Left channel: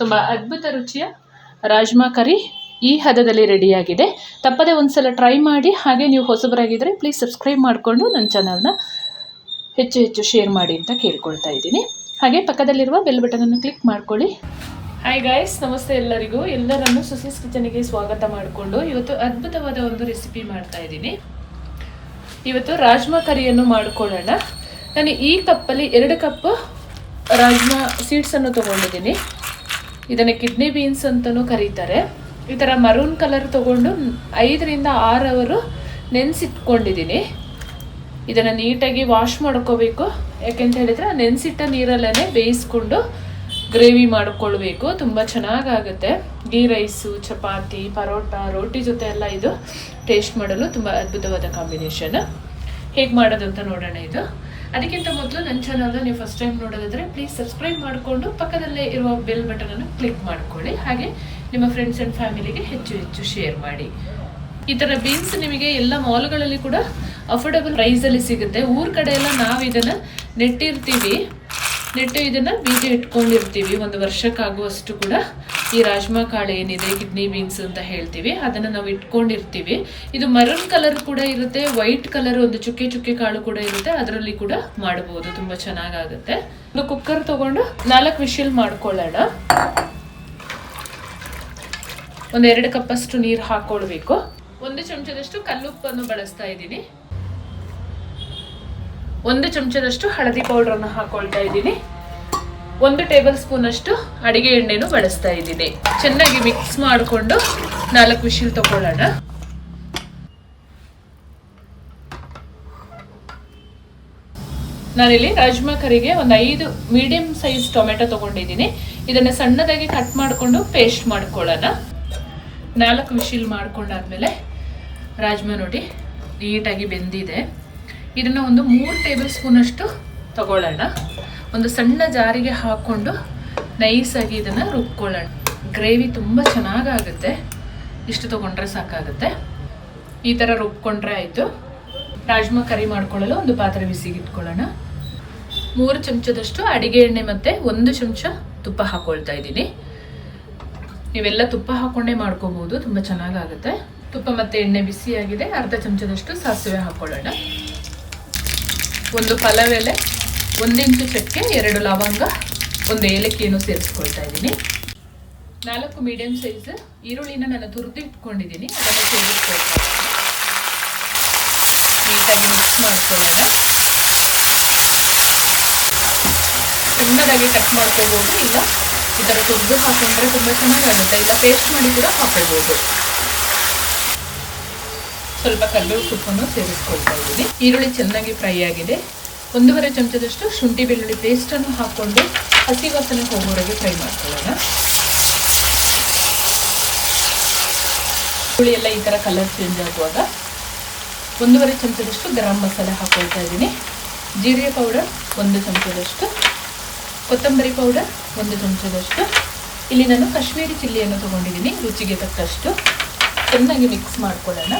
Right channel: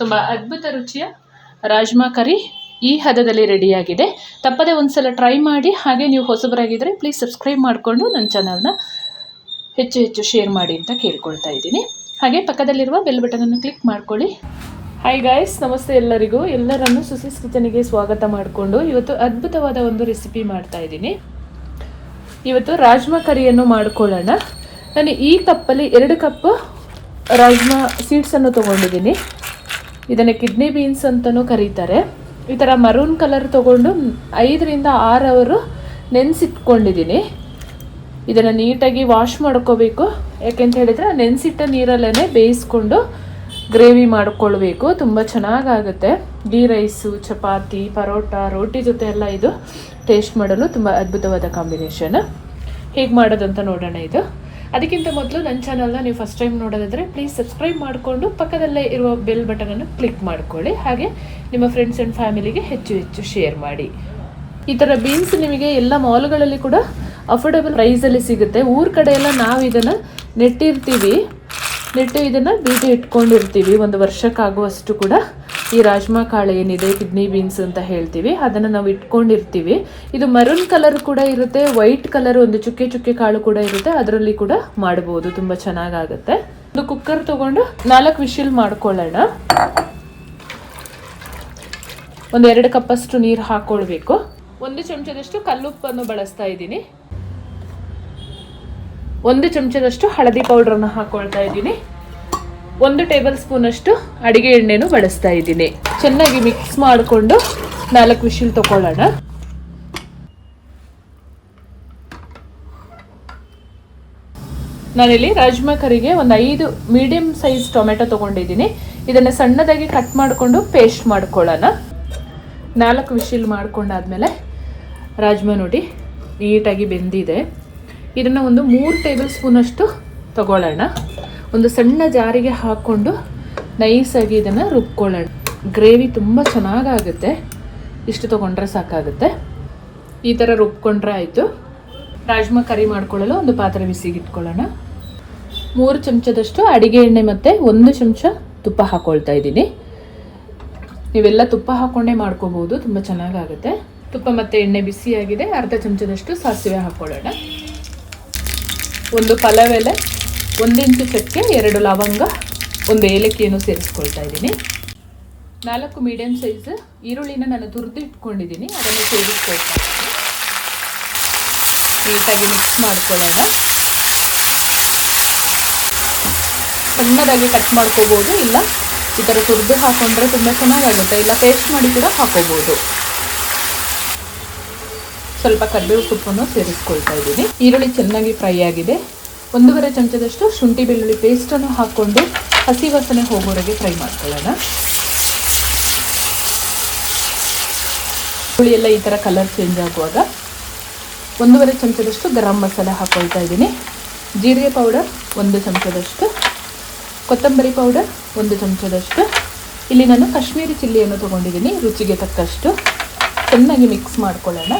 ತುಂಬ ಅದ್ಭುತ ರುಚಿಯ ರಾಜ್ಮಾ ಕರಿ ಈ ಹದದಲ್ಲಿ ರೆಡಿಯಾಗಿದೆ. ತಪ್ಪದೆ ಒಂದ್ಸಲ ಟ್ರೈ ಮಾಡಿ. ಹಾಗೆ ನೀವು ಹೊಸಬರಾಗಿದ್ದರೆ ಪ್ಲೀಸ್ ಸಬ್ಸ್ಕ್ರೈಬ್ ಮಾಡಿಕೊಂಡು ನನ್ನ ಚಾನಲ್ನ ಹೆಚ್ಚು ಶೇರ್ ಮಾಡಿ ಅಂತ ಕೇಳ್ಕೊಳ್ತಾ ಇದ್ದೀನಿ. ಹಾಗೆ ಪಕ್ಕದಲ್ಲಿರುವ ಬೆಲ್ ಬಟನನ್ನು ಕ್ಲಿಕ್ ಮಾಡ್ಕೊಳ್ಳಿ. ಹಾಯ್ ಗಾಯ್ಸ್, ನಮಸ್ತೆ ಎಲ್ಲರಿಗೂ. ಎಲ್ಲರನ್ನು ಸುಸೀಸ್ ಕಿಚನಿಗೆ ಸ್ವಾಗತ ಮಾಡಿಕೊಂಡು ಇವತ್ತು ಅದ್ಭುತವಾದ ಒಂದು ರೆಸಿಪಿ ಮಾಡ್ತಾ ಇದ್ದೀನಿ. ಇವತ್ತು ರಾಜ್ಮಾ ಕರಿಯನ್ನು ಮಾಡ್ಕೊಳ್ಳೋಣ. ನಾನು ಈ ಕಪ್ಪಲ್ಲಿ 2 ಕಪ್ ರಾಜ್ಮಾ ಸೀಡ್ಸನ್ನು ತೊಗೊಂಡಿದ್ದೀನಿ. ಇದನ್ನು ಕಿಡ್ನಿ ಬೀನ್ಸ್ ಅಂತಲೂ ಕರೀತಾರೆ. ಈ ಥರ ಮರೂನ್ ಕಲರ್ ತೊಗೊಂಡು 5 ರಿಂದ 6 ಅವರು ನೆನೆಸಿಟ್ಕೊಂಡಿದ್ದೀನಿ. ಇದನ್ನು ನೀಟಾಗಿ ವಾಶ್ ಮಾಡ್ಕೋಬೇಕು. ಯಾಕೆಂತ ಹೇಳಿದರೆ ನೆನೆಸಿಟ್ಟ ನೀರಲ್ಲೇ ಬೇಯಿಸ್ಕೊಂಡು ಗ್ರೇವಿ ಮಾಡ್ಕೊಳ್ಬೇಕು. ತುಂಬ ಚೆನ್ನಾಗಾಗುತ್ತೆ. ಗೀ ರೈಸು, ಚಪಾತಿ, ಪರೋಟ, ರೋಟಿ ಜೊತೆ ಎಲ್ಲ ಇದು ಟೇಸ್ಟ್ ಮಾಡಲು ತುಂಬ ಅದ್ಭುತವಾದ ಕಾಂಬಿನೇಷನ್. ಹೇಗೆ ಮಾಡೋದು ಅಂತ ನೋಡೋಣ. ಇದು ಅದಕ್ಕಿಂತ ಮೊದಲು ನನ್ನ ಚಾನಲ್ನ ನೀವು ಫಸ್ಟ್ ಟೈಮ್ ನೋಡೋದಾದರೆ ಪ್ಲೀಸ್ ಸಬ್ಸ್ಕ್ರೈಬ್ ಮಾಡಿಕೊಂಡು ಪಕ್ಕದಲ್ಲೇ ಇರುವ ಬೆಲ್ ಬಟನನ್ನು ಕ್ಲಿಕ್ ಮಾಡ್ಕೊಳ್ಳಿ. ಹಾಗೆ ನಿಮ್ಮ ಫ್ರೆಂಡ್ಸ್ ಆ್ಯಂಡ್ ಫ್ಯಾಮಿಲಿಗೆ ಹೆಚ್ಚು ಶೇರ್ ಮಾಡಿ. ಈ ಥರ ಬೀನ್ಸ್ ನಿಮಗೆ ಎಲ್ಲ ಮಾಲ್ಗಳಲ್ಲಿ ಕೂಡ ಅಫೋರ್ಡಬಲ್ ಪ್ರೈಸಲ್ಲಿ ಸಿಗುತ್ತೆ. ಊರ ಕಡೆ ಎಲ್ಲ ನಾವು ಇದನ್ನು ನೆಟ್ಟು ಇದನ್ನು ಬೀಜ ಇಟ್ಕೊಂಡಿರ್ತೀವಿ. 1 ವರ್ಷಕ್ಕಾಗುವಷ್ಟು ಕೂಡ ಈ ರಾಜ್ಮಾ ಕಾಳು ಏನಿದೆ, ಕಿಡ್ನಿ ಬೀನ್ಸ್ ಅಂತ ಹೇಳ್ತೀವಿ, ಅದನ್ನು ನಾವು ಇಟ್ಕೊಂಡಿರ್ತೀವಿ. ಇದು ಮರೂನ್ ಕಲರ್ ಕೂಡ ಇರುತ್ತೆ, ವೈಟ್ ಕಲರ್ ಒಂದು ಚುಕ್ಕೆ ಕಾಳು ಕೂಡ ಇರುತ್ತೆ. ಅದರಲ್ಲಿ ಕೂಡ ಮಾಡಬಹುದು, ತುಂಬ ಚೆನ್ನಾಗಾಗುತ್ತೆ. ಒಂದು ಕುಕ್ಕರ್ ತಗೊಂಡು 4 ವಿಶಿಲ್ ಮಾಡ್ಕೊಳ್ಳೋಣ. ಒಂದು 2 ಕಪ್ಪಷ್ಟು ನೀರು ಹಾಕೊಳ್ಬೇಕು. 1 ಚಮಚದಷ್ಟು ಕಲ್ಲುಪ್ಪನ್ನು ಬಳಸ್ತಾ ಇದ್ದೀನಿ. 1 ಚಮಚದಷ್ಟು ಹಳದಿ ಪೌಡ್ರನ್ನು ಹಾಕೊಳ್ತಾ ಇದ್ದೀನಿ. 1 ಟೇಬಲ್ ಸ್ಪೂನ್ ಅಷ್ಟು ಅಡಿಗೆ ಎಣ್ಣೆನೂ ಬಳಸ್ತಾ ಇದ್ದೀನಿ. ಚೆನ್ನಾಗಿ ಮಿಕ್ಸ್ ಮಾಡಿಕೊಂಡು 4 ವಿಶಿಲ್ ತಗೊಳ್ಳೋಣ. ನಾನಿಲ್ಲಿ ರಾಜ್ಮಾ ಕರಿಗೆ ಒಂದು 5 ಮೀಡಿಯಂ ಸೈಜ್ ಟೊಮೆಟೊ ತಗೊಂಡಿದ್ದೀನಿ. ಇದನ್ನು ಸಣ್ಣದಾಗಿ ಕಟ್ ಮಾಡಿಕೊಂಡು ಪೇಸ್ಟ್ ಮಾಡ್ಕೊಳ್ಳೋಣ. 4 ವಿಶಿಲ್ ಮಾಡ್ಕೊಂಡಾದ್ಮೇಲೆ ರಾಜ್ಮಾ ನೋಡಿ ನೀಟಾಗಿ ಬೆಂದಿದೆ. ಇದನ್ನು ಒಂದು 3 ಟೇಬಲ್ ಸ್ಪೂನ್ ಅಷ್ಟು ತಗೊಳ್ಳೋಣ. ಒಂದು ಸಣ್ಣ ಜಾರಿಗೆ ಹಾಕ್ಕೊಂಡು ನೈಸಾಗಿ ಇದನ್ನು ರುಬ್ಕೊಳ್ಳೋಣ. ಗ್ರೇವಿ ತುಂಬ ಚೆನ್ನಾಗಾಗುತ್ತೆ. ಇಷ್ಟು ತೊಗೊಂಡ್ರೆ ಸಾಕಾಗುತ್ತೆ. ಈ ಥರ ರುಬ್ಕೊಂಡ್ರೆ ಆಯಿತು. ರಾಜ್ಮಾ ಕರಿ ಮಾಡ್ಕೊಳ್ಳಲು ಒಂದು ಪಾತ್ರೆ ಬಿಸಿಗೆ ಇಟ್ಕೊಳ್ಳೋಣ. 3 ಚಮಚದಷ್ಟು ಅಡಿಗೆ ಎಣ್ಣೆ ಮತ್ತು 1 ಚಮಚ ತುಪ್ಪ ಹಾಕ್ಕೊಳ್ತಾ ಇದ್ದೀನಿ. ನೀವೆಲ್ಲ ತುಪ್ಪ ಹಾಕ್ಕೊಂಡೇ ಮಾಡ್ಕೋಬೋದು, ತುಂಬ ಚೆನ್ನಾಗಾಗುತ್ತೆ. ತುಪ್ಪ ಮತ್ತು ಎಣ್ಣೆ ಬಿಸಿಯಾಗಿದೆ. ಅರ್ಧ ಚಮಚದಷ್ಟು ಸಾಸಿವೆ ಹಾಕ್ಕೊಳ್ಳೋಣ. 1 ಪಲಾವ್ ಎಲೆ, 1 ಇಂಚು ಚಕ್ಕೆ, 2 ಲವಂಗ, 1 ಏಲಕ್ಕಿಯನ್ನು ಸೇರಿಸ್ಕೊಳ್ತಾ ಇದ್ದೀನಿ. 4 ಮೀಡಿಯಂ ಸೈಜ್ ಈರುಳ್ಳಿನ ನಾನು ತುರಿದು ಇಟ್ಕೊಂಡಿದ್ದೀನಿ. ಅದನ್ನು ಸೇರಿಸ್ಕೊಳ್ತಾ ನೀಟಾಗಿ ಮಿಕ್ಸ್ ಮಾಡ್ಕೊಳ್ಳೋಣ. ಸಣ್ಣದಾಗಿ ಕಟ್ ಮಾಡ್ಕೋಬೋದು, ಇಲ್ಲ ಈ ಥರ ತುರಿದು ಹಾಕೊಂಡ್ರೆ ತುಂಬ ಚೆನ್ನಾಗಾಗುತ್ತೆ. ಇಲ್ಲ ಪೇಸ್ಟ್ ಮಾಡಿ ಕೂಡ ಹಾಕೋಬೋದು. ಸ್ವಲ್ಪ ಕರಿಬೇವು ಸೊಪ್ಪನ್ನು ಸೇರಿಸ್ಕೊಳ್ತಾ ಇದ್ದೀನಿ. ಈರುಳ್ಳಿ ಚೆನ್ನಾಗಿ ಫ್ರೈ ಆಗಿದೆ. 1.5 ಚಮಚದಷ್ಟು ಶುಂಠಿ ಬೆಳ್ಳುಳ್ಳಿ ಪೇಸ್ಟನ್ನು ಹಾಕ್ಕೊಂಡು ಹಸಿ ವಾಸನೆ ಹೋಗೋವರೆಗೆ ಫ್ರೈ ಮಾಡ್ಕೊಳ್ಳೋಣ. ಹುಳಿ ಎಲ್ಲ ಈ ಥರ ಕಲರ್ ಚೇಂಜ್ ಆಗುವಾಗ 1.5 ಚಮಚದಷ್ಟು ಗರಂ ಮಸಾಲೆ ಹಾಕ್ಕೊಳ್ತಾ ಇದ್ದೀನಿ. ಜೀರಿಗೆ ಪೌಡರ್ 1 ಚಮಚದಷ್ಟು, ಕೊತ್ತಂಬರಿ ಪೌಡರ್ 1 ಚಮಚದಷ್ಟು. ಇಲ್ಲಿ ನಾನು ಕಾಶ್ಮೀರಿ ಚಿಲ್ಲಿಯನ್ನು ತೊಗೊಂಡಿದ್ದೀನಿ, ರುಚಿಗೆ ತಕ್ಕಷ್ಟು. ಚೆನ್ನಾಗಿ ಮಿಕ್ಸ್ ಮಾಡ್ಕೊಳ್ಳೋಣ.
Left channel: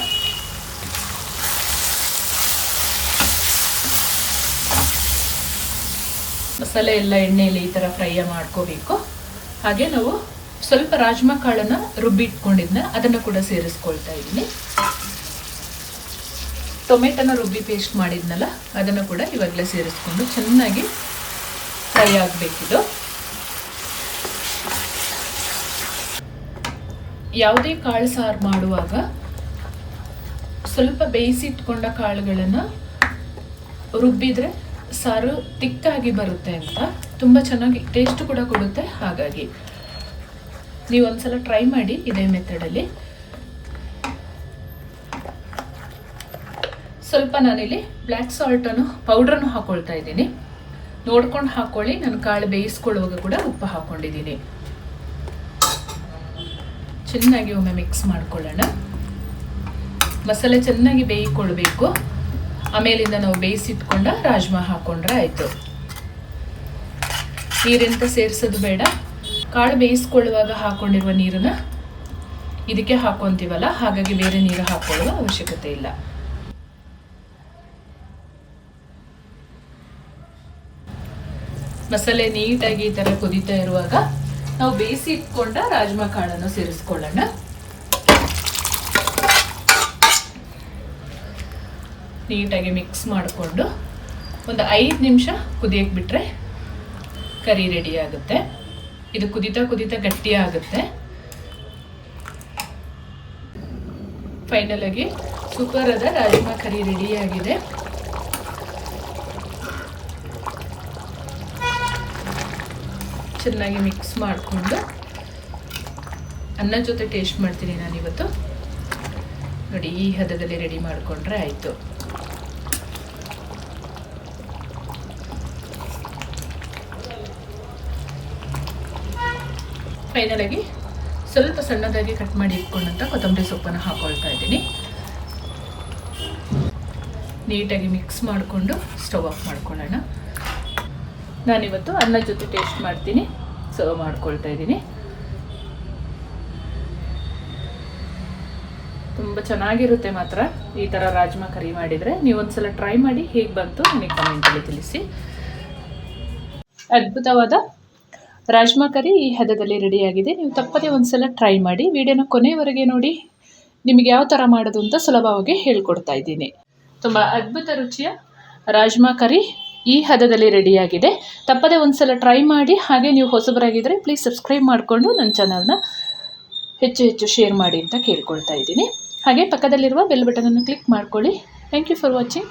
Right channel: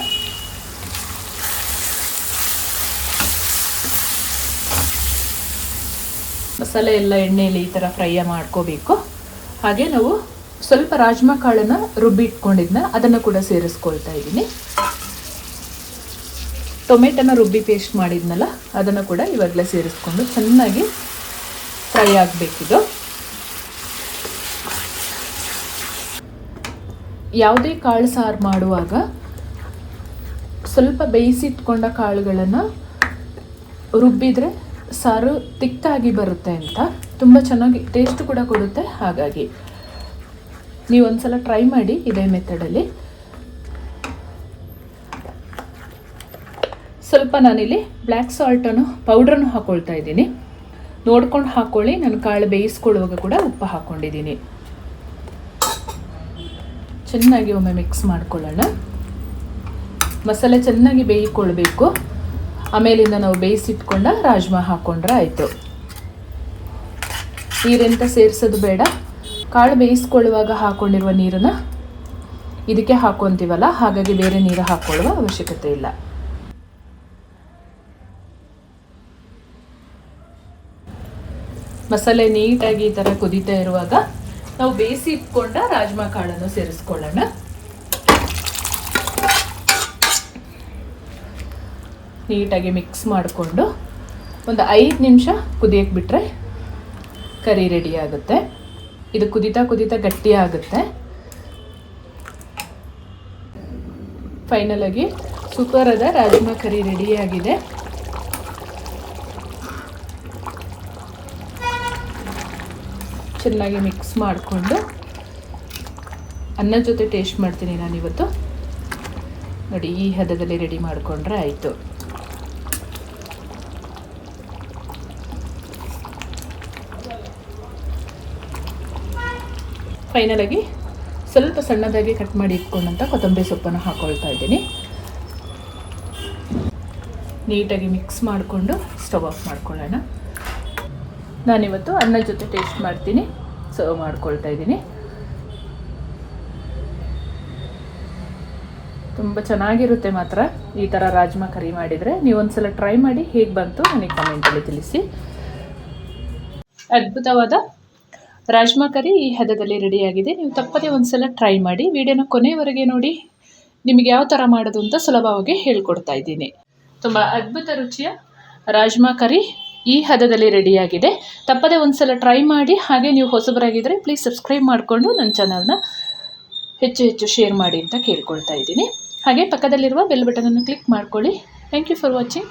ಮಸಾಲೆ ಎಲ್ಲ ಎಣ್ಣೆಯಲ್ಲಿ ಈ ಥರ ಫ್ರೈ ಮಾಡ್ಕೋಬೇಕು. ಹಾಗೆ ನಾವು ಸ್ವಲ್ಪ ರಾಜ್ಮಾ ಕಾಳನ್ನು ರುಬ್ಬಿ ಇಟ್ಕೊಂಡಿದ್ನ ಅದನ್ನು ಕೂಡ ಸೇರಿಸ್ಕೊಳ್ತಾ ಇದ್ದೀನಿ. ಟೊಮೆಟೊನ ರುಬ್ಬಿ ಪೇಸ್ಟ್ ಮಾಡಿದ್ನಲ್ಲ ಅದನ್ನು ಕೂಡ ಇವಾಗಲೇ ಸೇರಿಸ್ಕೊಂಡು ಚೆನ್ನಾಗಿ ಫ್ರೈ ಆಗಬೇಕಿದು. ಯಾವುದೇ ಕಾಳು ಸಾರು ಮಾಡುವಾಗ ಸ್ವಲ್ಪ ಬೇಯಿಸಿಟ್ಕೊಂಡ ಕಾಳುಗಳನ್ನು ರುಬ್ಬಿದ್ರೆ ಸಾರು ತಿಕ್ಕಾಗಿ ಬರುತ್ತೆ ಅಂತ, ತುಂಬ ಚೆನ್ನಾಗಿ ಟೇಸ್ಟ್ ಕೂಡ ಕೊಡುತ್ತೆ. ಹಾಗಾಗಿ ನೀವು ಒಂದ್ಸಲ ಟ್ರೈ ಮಾಡಿ ಇದೇ ಮೆಥಡಲ್ಲಿ. ಸ್ವಲ್ಪ ನಾನಿಲ್ಲಿ ಬ್ಲ್ಯಾಕ್ ಸಾಲ್ಟನ್ನು ಪೌಡ್ರನ್ನು ಹಾಕ್ಕೊಳ್ತಾ ಇದ್ದೀನಿ. ನೋಡ್ಕೊಂಡು ಹಾಕ್ಕೊಳ್ಳಿ. ನಾನು ಕಾಳು ಬೇಯಿಸ್ಕೊಳ್ಳುವಾಗ ಕೂಡ ಉಪ್ಪು ಹಾಕ್ಕೊಂಡಿದ್ದೀನಿ. ಚೆನ್ನಾಗಿ ಒಮ್ಮೆ ಮಿಕ್ಸ್ ಮಾಡ್ಕೊಳ್ಳೋಣ. ಮಸಾಲೆ ಚೆನ್ನಾಗಿ ಬೇಯಿಕೊಳ್ಬೇಕು. ಆಮೇಲಿಂದ ನಾವು ಬೇಯಿಸಿಟ್ಕೊಂಡ ರಾಜ್ಮಾ ಹಾಕ್ಕೊಂಡ್ರೆ ಆಯಿತು. ನೀರೆಂತ ಸೇರಿಸೋದು ಬೇಡ. ಕಾಳು ಬೇಯಿಸ್ಕೊಳ್ಳುವಾಗ ಹಾಕ್ಕೊಂಡಿರುವ ನೀರನ್ನು ಇದಕ್ಕೆ ಹಾಕ್ಕೊತೀವಲ್ಲ, ಹಾಗಾಗಿ ಬೇರೆ ನೀರು ಹಾಕ್ಕೊಳ್ಳುವ ಅವಶ್ಯಕತೆ ಇಲ್ಲ. ಮಸಾಲೆ ನೀಟಾಗಿ ಈ ಥರ ಕುದೀತಾ ಇರುವಾಗ ನಾವು ಬೇಯಿಸಿ ಇಟ್ಕೊಂಡ ರಾಜ್ಮಾ ಕಾಳನ್ನು ಸೇರಿಸ್ಕೊಳ್ಳೋಣ. ನೀಟಾಗಿ ಮಿಕ್ಸ್ ಮಾಡಿಕೊಂಡು ಒಂದು 5 ನಿಮಿಷ ಕುದಿಯಕ್ಕೆ ಬಿಟ್ಟರೆ ಕರಿ ರೆಡಿ ಆಗುತ್ತೆ. ಇದು ಕುದಿತಾ ಕುದಿತಾ ಗಟ್ಟಿ ಆಗುತ್ತೆ. ಫೈನಲ್ ಆಗಿ ಸೂಪರ್ ಆದ ರಾಜ್ಮಾ ಕರಿ ರೆಡಿ ಆಗಿದೆ. ಚೆನ್ನಾಗಿ ಮಿಕ್ಸ್ ಮಾಡಿಕೊಂಡು ಅನ್ನ ಜೊತೆ ಟೇಸ್ಟ್ ಮಾಡ್ತೀನಿ ನಾನಿವತ್ತು. ನೋಡಿ, ಈ ಹದದಲ್ಲಿ ರೆಡಿ ಮಾಡಿಕೊಂಡ್ರೆ ಆಯಿತು. ಫೈನಲ್ ಆಗಿ ಸ್ವಲ್ಪ ಸಣ್ಣದಾಗಿ ಕಟ್ ಮಾಡಿ ಇಟ್ಕೊಂಡಂಥ ಕೊತ್ತಂಬರಿ ಸೊಪ್ಪನ್ನು ಹಾಕೊಳ್ತಾ ಇದ್ದೀನಿ. ನೀಟಾಗಿ ಮಿಕ್ಸ್ ಮಾಡಿಕೊಂಡು ಸ್ಟವ್ ಆಫ್ ಮಾಡ್ಕೊಳ್ಳೋಣ. ನಾನಿವತ್ತು ಅನ್ನ ಜೊತೆ ಟೇಸ್ಟ್ ಮಾಡ್ತೀನಿ, ಸರ್ವ್ ಮಾಡ್ಕೊಳ್ತಾ ಇದ್ದೀನಿ. ತುಂಬ ಚೆನ್ನಾಗಿರುತ್ತೆ ಮಾತ್ರ ಈ ಥರ ರಾಜ್ಮಾ ಕರಿ ಮಾಡಿದರೆ. ನೀವು ಒಂದ್ಸಲ ಟ್ರೈ ಮಾಡಿ, ಹೇಗೆ ಬಂತು ನನಗೆ ಕಮೆಂಟಲ್ಲಿ ತಿಳಿಸಿ. ಅದ್ಭುತವಾದ ರಾಜ್ಮಾ ಕರಿ ಈ ಹದದಲ್ಲಿ ರೆಡಿಯಾಗಿದೆ. ನೀವು ತಪ್ಪದೇ ಒಂದ್ಸಲ ಟ್ರೈ ಮಾಡಿ. ವಿಡಿಯೋನ ಕೊನೆಯವರೆಗೆ ನೋಡಿ, ನಿಮಗೆ ಯಾವ ಥರ ಮಾಡೋದು ಅಂತ ಸುಲಭವಾಗಿ ಹೇಳ್ಕೊಡ್ತಾ ಇದ್ದೀನಿ. ತುಂಬ ಅದ್ಭುತ ರುಚಿಯ ರಾಜ್ಮಾ ಕರಿ ಈ ಹದದಲ್ಲಿ ರೆಡಿಯಾಗಿದೆ. ತಪ್ಪದೇ ಒಂದ್ಸಲ ಟ್ರೈ ಮಾಡಿ. ಹಾಗೆ ನೀವು ಹೊಸಬರಾಗಿದ್ದರೆ ಪ್ಲೀಸ್ ಸಬ್ಸ್ಕ್ರೈಬ್ ಮಾಡಿಕೊಂಡು ನನ್ನ ಚಾನಲ್ನ ಹೆಚ್ಚು ಶೇರ್ ಮಾಡಿ ಅಂತ ಕೇಳ್ಕೊಳ್ತಾ ಇದ್ದೀನಿ. ಹಾಗೆ ಪಕ್ಕದಲ್ಲಿರುವ ಬೆಲ್ ಬಟನನ್ನು ಕ್ಲಿಕ್ ಮಾಡ್ಕೊಳ್ಳಿ. Thank you for watching.